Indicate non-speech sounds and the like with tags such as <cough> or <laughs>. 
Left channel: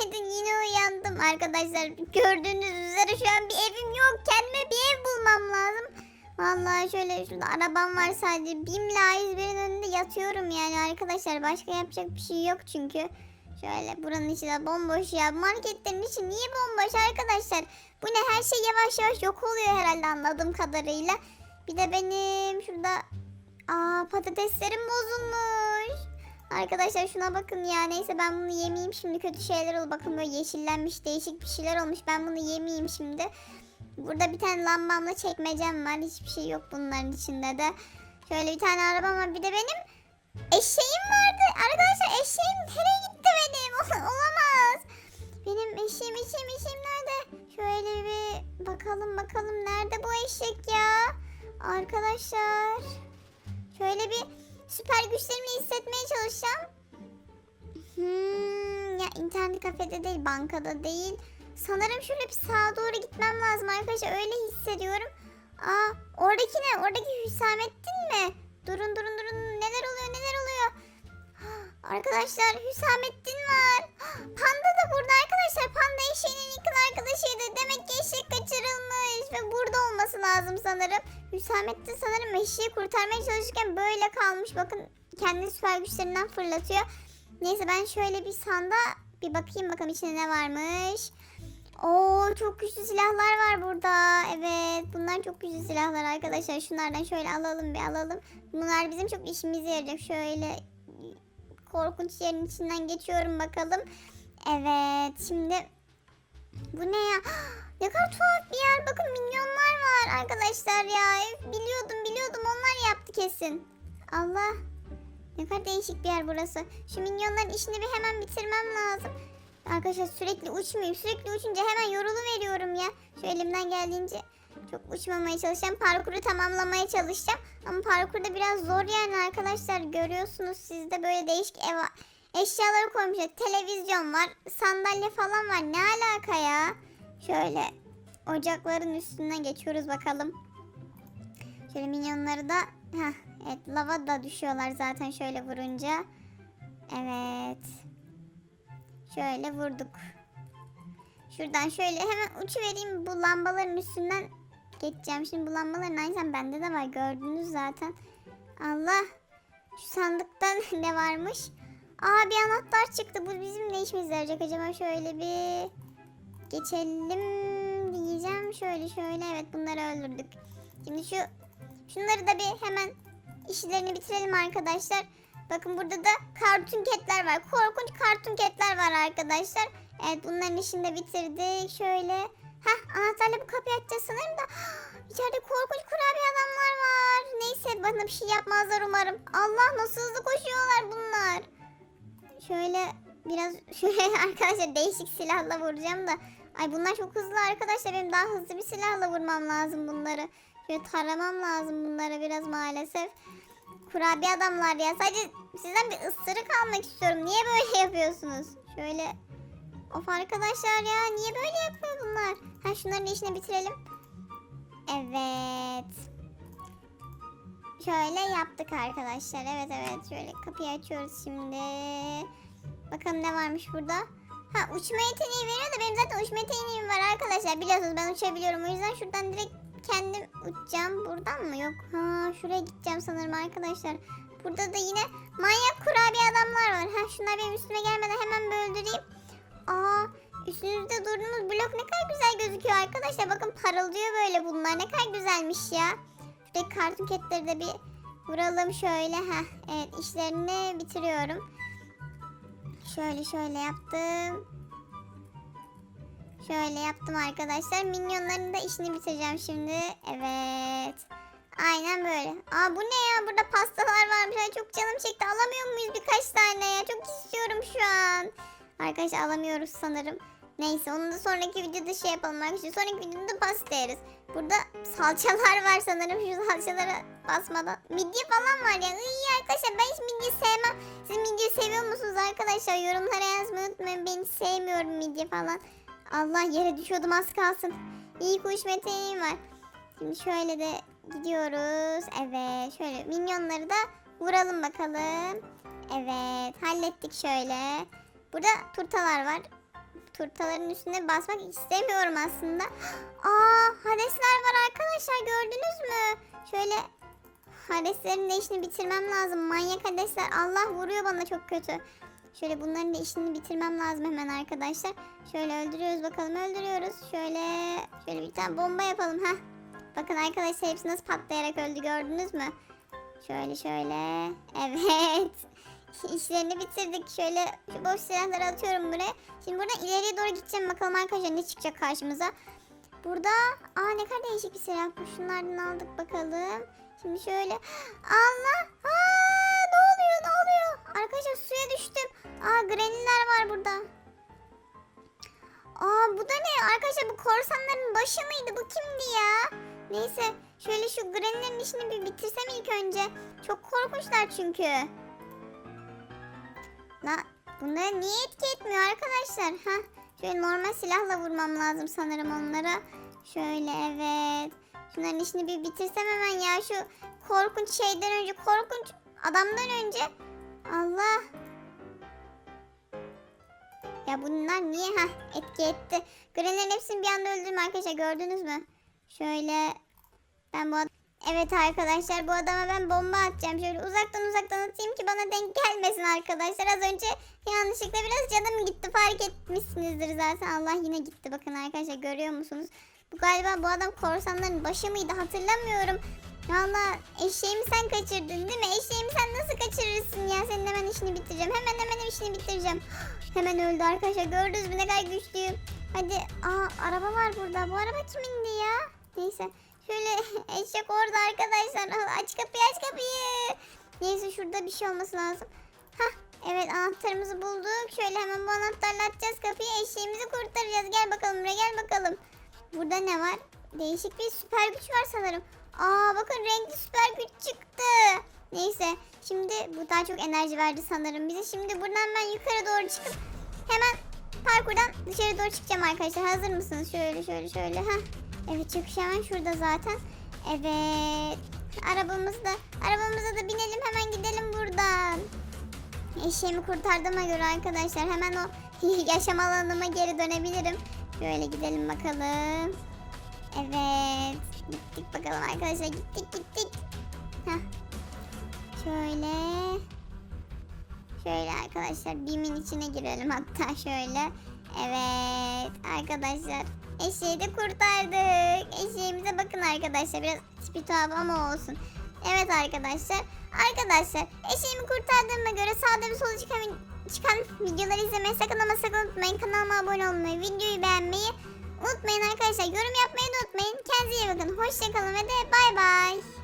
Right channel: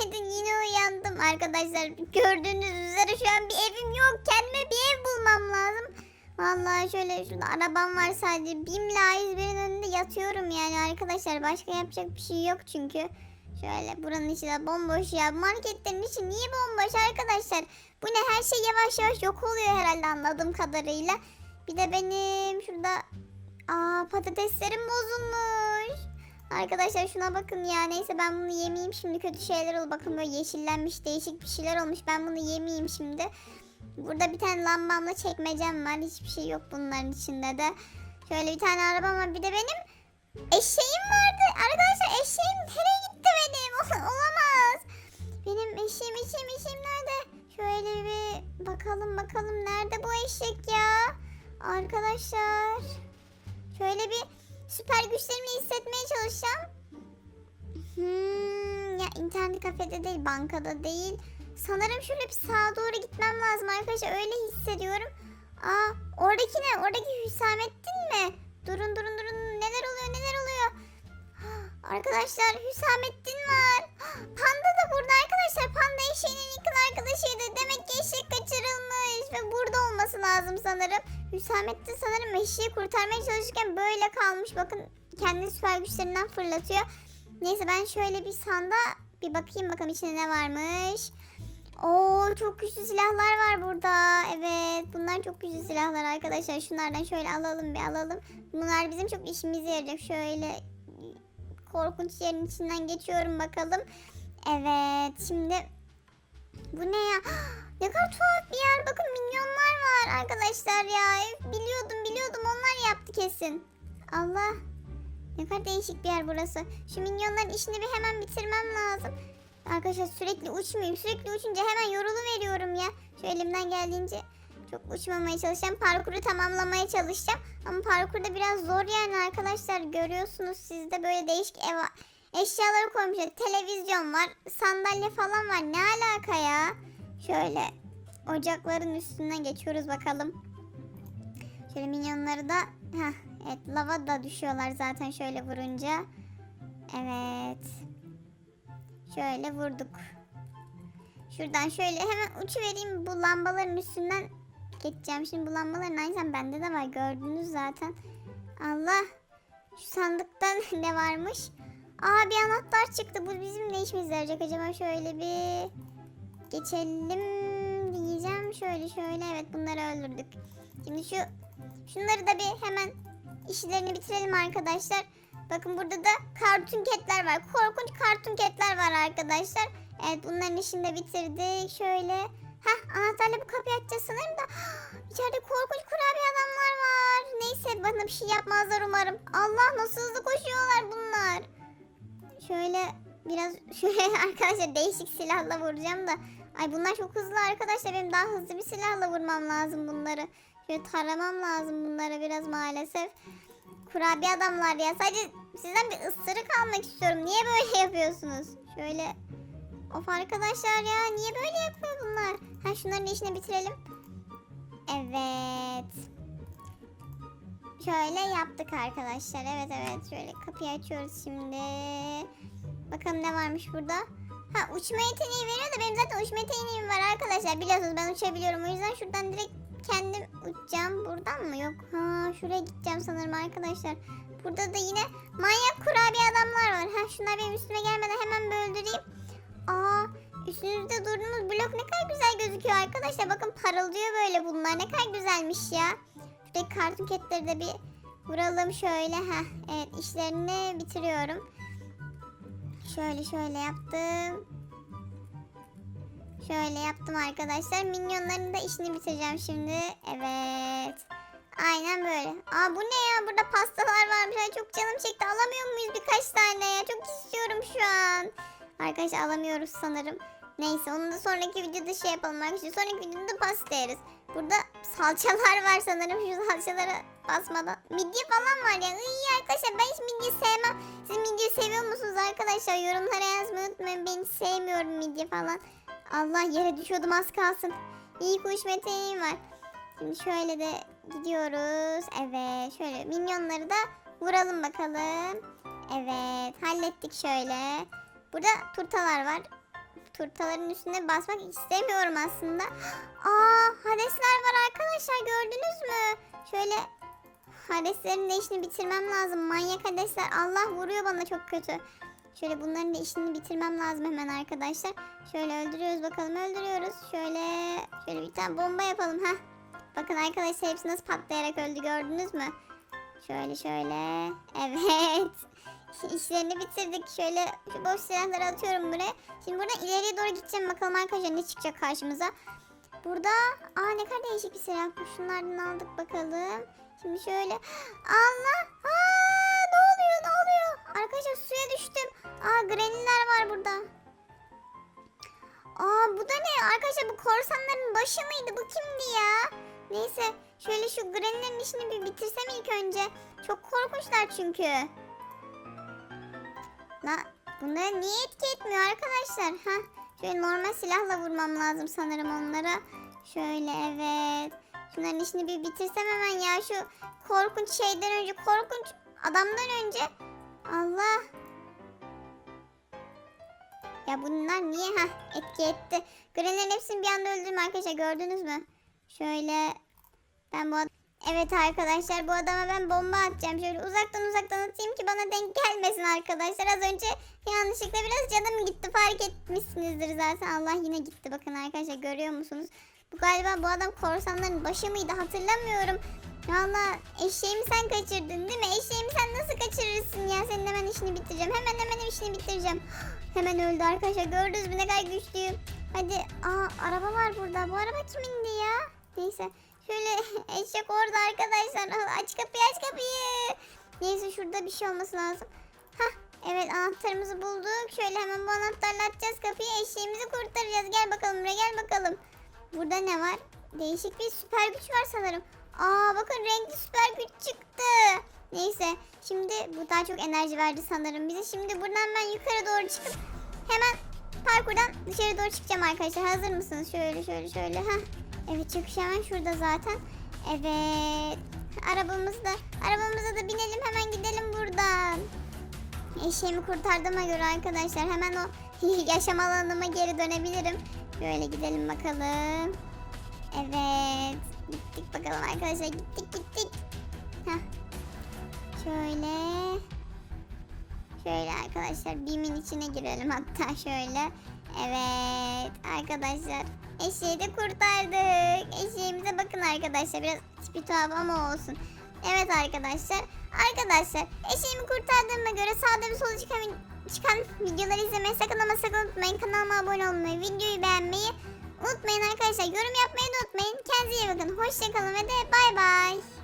günaydın yine uyandım arkadaşlar. Gördüğünüz üzere şu an bir evim yok. Kendime bir ev bulmam lazım. Vallahi şöyle şurada arabam var sadece. Bim'le A101'in önünde yatıyorum yani arkadaşlar. Başka yapacak bir şey yok çünkü. Şöyle buranın içi de bomboş ya. Marketlerin içi niye bomboş arkadaşlar? Bu ne her şey yavaş yavaş yok oluyor herhalde anladığım kadarıyla. Bir de benim şurada aa patateslerim bozulmuş. Arkadaşlar şuna bakın ya neyse ben bunu yemeyeyim şimdi kötü şeyler ol bakın böyle yeşillenmiş değişik bir şeyler olmuş ben bunu yemeyeyim şimdi. Burada bir tane lambamla çekmecem var hiçbir şey yok bunların içinde de. Şöyle bir tane arabam var bir de benim eşeğim vardı. Arkadaşlar eşeğim nereye gitti benim <laughs> olamaz. Benim eşeğim eşeğim eşeğim nerede? Şöyle bir bakalım bakalım nerede bu eşek ya? Arkadaşlar şöyle bir süper güçlerimi hissetmeye çalışacağım. Hmm, ya internet kafede değil, bankada değil. Sanırım şöyle bir sağa doğru gitmem lazım arkadaşlar. Öyle hissediyorum. Aa, oradaki ne? Oradaki Hüsamettin mi? Durun durun durun. Neler oluyor neler oluyor? Arkadaşlar Hüsamettin var. Panda da burada arkadaşlar. Panda eşeğinin yakın arkadaşıydı. Demek ki eşek kaçırılmış. Ve burada olması lazım sanırım. Hüsamettin sanırım eşeği kurtarmaya çalışırken böyle kalmış. Bakın kendi süper güçlerinden fırlatıyor. Neyse ben şöyle bir sanda bir bakayım bakalım içinde ne varmış. Oo çok güçlü silahlar var burada. Evet bunlar çok güçlü silahlar arkadaşlar. Şunlardan şöyle alalım bir alalım. Bunlar bizim çok işimize yarayacak. Şöyle korkunç yerin içinden geçiyorum bakalım. Evet şimdi bu ne ya? <gasps> Ne kadar tuhaf bir yer. Bakın minyonlar var arkadaşlar ya. Biliyordum biliyordum onlar yaptı kesin. Allah. Ne kadar değişik bir yer burası. Şu minyonların işini bir hemen bitirmem lazım. Arkadaşlar sürekli uçmayayım. Sürekli uçunca hemen yorulu veriyorum ya. Şu elimden geldiğince çok uçmamaya çalışacağım. Parkuru tamamlamaya çalışacağım. Ama parkurda biraz zor yani arkadaşlar. Görüyorsunuz siz de böyle değişik ev eşyalar koymuşlar. Televizyon var. Sandalye falan var. Ne alaka ya? Şöyle ocakların üstünden geçiyoruz bakalım. Şöyle minyonları da Heh, evet lava da düşüyorlar zaten şöyle vurunca. Evet. Şöyle vurduk. Şuradan şöyle hemen uçu vereyim bu lambaların üstünden geçeceğim. Şimdi bu lambaların aynı bende de var gördünüz zaten. Allah. Şu sandıktan <laughs> ne varmış? Aa bir anahtar çıktı. Bu bizim ne işimize yarayacak acaba? Şöyle bir geçelim diyeceğim. Şöyle şöyle evet bunları öldürdük. Şimdi şu şunları da bir hemen işlerini bitirelim arkadaşlar. Bakın burada da kartun ketler var. Korkunç kartun ketler var arkadaşlar. Evet bunların işini de bitirdik. Şöyle. Heh anahtarla bu kapıyı açacağız sanırım da. <gasps> İçeride korkunç kurabiye adamlar var. Neyse bana bir şey yapmazlar umarım. Allah nasıl hızlı koşuyorlar bunlar. Şöyle biraz <laughs> şöyle arkadaşlar değişik silahla vuracağım da. Ay bunlar çok hızlı arkadaşlar. Benim daha hızlı bir silahla vurmam lazım bunları. Şöyle taramam lazım bunlara biraz maalesef. Kurabiye adamlar ya. Sadece sizden bir ısırık almak istiyorum. Niye böyle <laughs> yapıyorsunuz? Şöyle. Of arkadaşlar ya. Niye böyle yapıyor bunlar? Ha şunların işini bitirelim. Evet. Şöyle yaptık arkadaşlar. Evet evet. Şöyle kapıyı açıyoruz şimdi. Bakalım ne varmış burada. Ha uçma yeteneği veriyor da benim zaten uçma yeteneğim var arkadaşlar. Biliyorsunuz ben uçabiliyorum. O yüzden şuradan direkt kendim uçacağım. Buradan mı? Yok. Ha şuraya gideceğim sanırım arkadaşlar. Burada da yine manyak kurabiye adamlar var. Ha şunlar benim üstüme gelmeden hemen bir öldüreyim. Aa üstünüzde durduğunuz blok ne kadar güzel gözüküyor arkadaşlar. Bakın parıldıyor böyle bunlar. Ne kadar güzelmiş ya. Şuradaki kartun ketleri de bir vuralım şöyle. Ha evet işlerini bitiriyorum. Şöyle şöyle yaptım. Şöyle yaptım arkadaşlar. Minyonların da işini bitireceğim şimdi. Evet. Aynen böyle. Aa bu ne ya? Burada pastalar varmış. Ay çok canım çekti. Alamıyor muyuz birkaç tane ya? Çok istiyorum şu an. Arkadaşlar alamıyoruz sanırım. Neyse onu da sonraki videoda şey yapalım arkadaşlar. Sonraki videoda pasta yeriz. Burada salçalar var sanırım. Şu salçalara basmadan. Midye falan var ya. İyi arkadaşlar ben hiç midye sevmem. Siz midye seviyor musunuz arkadaşlar? Yorumlara yazmayı unutmayın. Ben sevmiyorum midye falan. Allah yere düşüyordum az kalsın. İyi kuş meteğim var. Şimdi şöyle de gidiyoruz. Evet şöyle minyonları da vuralım bakalım. Evet hallettik şöyle. Burada turtalar var. turtaların üstüne basmak istemiyorum aslında. <gasps> Aa Hadesler var arkadaşlar gördünüz mü? Şöyle Hadeslerin de işini bitirmem lazım. Manyak Hadesler. Allah vuruyor bana çok kötü. Şöyle bunların da işini bitirmem lazım hemen arkadaşlar. Şöyle öldürüyoruz bakalım öldürüyoruz. Şöyle şöyle bir tane bomba yapalım ha. Bakın arkadaşlar hepsi nasıl patlayarak öldü gördünüz mü? Şöyle şöyle. Evet. İşlerini bitirdik. Şöyle boş silahları atıyorum buraya. Şimdi buradan ileriye doğru gideceğim. Bakalım arkadaşlar ne çıkacak karşımıza. Burada aa ne kadar değişik bir silah. Şunlardan aldık bakalım. Şimdi şöyle Allah aa ne oluyor ne oluyor? Arkadaşlar suya düştüm. Aa greniler var burada. Aa bu da ne? Arkadaşlar bu korsanların başı mıydı? Bu kimdi ya? Neyse şöyle şu grenilerin işini bir bitirsem ilk önce. Çok korkunçlar çünkü. La bunlara niye etki etmiyor arkadaşlar? Ha? Şöyle normal silahla vurmam lazım sanırım onlara. Şöyle evet. Şunların işini bir bitirsem hemen ya şu korkunç şeyden önce korkunç adamdan önce. Allah. Ya bunlar niye ha etki etti? Grenlerin hepsini bir anda öldürdüm arkadaşlar gördünüz mü? Şöyle ben bu Evet arkadaşlar bu adama ben bomba atacağım. Şöyle uzaktan uzaktan atayım ki bana denk gelmesin arkadaşlar. Az önce yanlışlıkla biraz canım gitti fark etmişsinizdir zaten. Allah yine gitti bakın arkadaşlar görüyor musunuz? Bu galiba bu adam korsanların başı mıydı hatırlamıyorum. Valla eşeğimi sen kaçırdın değil mi? Eşeğimi sen nasıl kaçırırsın ya? Senin hemen işini bitireceğim. Hemen hemen işini bitireceğim. Hemen öldü arkadaşlar. Gördünüz mü ne kadar güçlüyüm. Hadi. Aa araba var burada. Bu araba kimindi ya? Neyse. Şöyle <laughs> eşek orada arkadaşlar. <laughs> Aç kapıyı aç kapıyı. Neyse şurada bir şey olması lazım. Hah evet anahtarımızı bulduk. Şöyle hemen bu anahtarla açacağız kapıyı. Eşeğimizi kurtaracağız. Gel bakalım buraya gel bakalım. Burada ne var? Değişik bir süper güç var sanırım. Aa bakın renkli süper güç çıktı. Neyse şimdi bu daha çok enerji verdi sanırım bize. Şimdi buradan ben yukarı doğru çıkıp hemen parkurdan dışarı doğru çıkacağım arkadaşlar. Hazır mısınız? Şöyle şöyle şöyle. Hah. Evet çıkış hemen şurada zaten. Evet. Arabamızda, arabamıza da binelim hemen gidelim buradan. Eşeğimi kurtardığıma göre arkadaşlar hemen o yaşam alanıma geri dönebilirim. Şöyle gidelim bakalım. Evet. Gittik bakalım arkadaşlar gittik gittik. Heh. Şöyle. Şöyle arkadaşlar bimin içine girelim hatta şöyle. Evet arkadaşlar. Eşeği de kurtardık. Eşeğimize bakın arkadaşlar. Biraz tipi tuhaf olsun. Evet arkadaşlar. Arkadaşlar eşeğimi kurtardığıma göre sağda ve solda çıkan, çıkan videoları izlemeyi sakın ama sakın unutmayın. Kanalıma abone olmayı, videoyu beğenmeyi unutmayın arkadaşlar. Yorum yapmayı da unutmayın. Kendinize iyi bakın. Hoşçakalın ve de bay bay.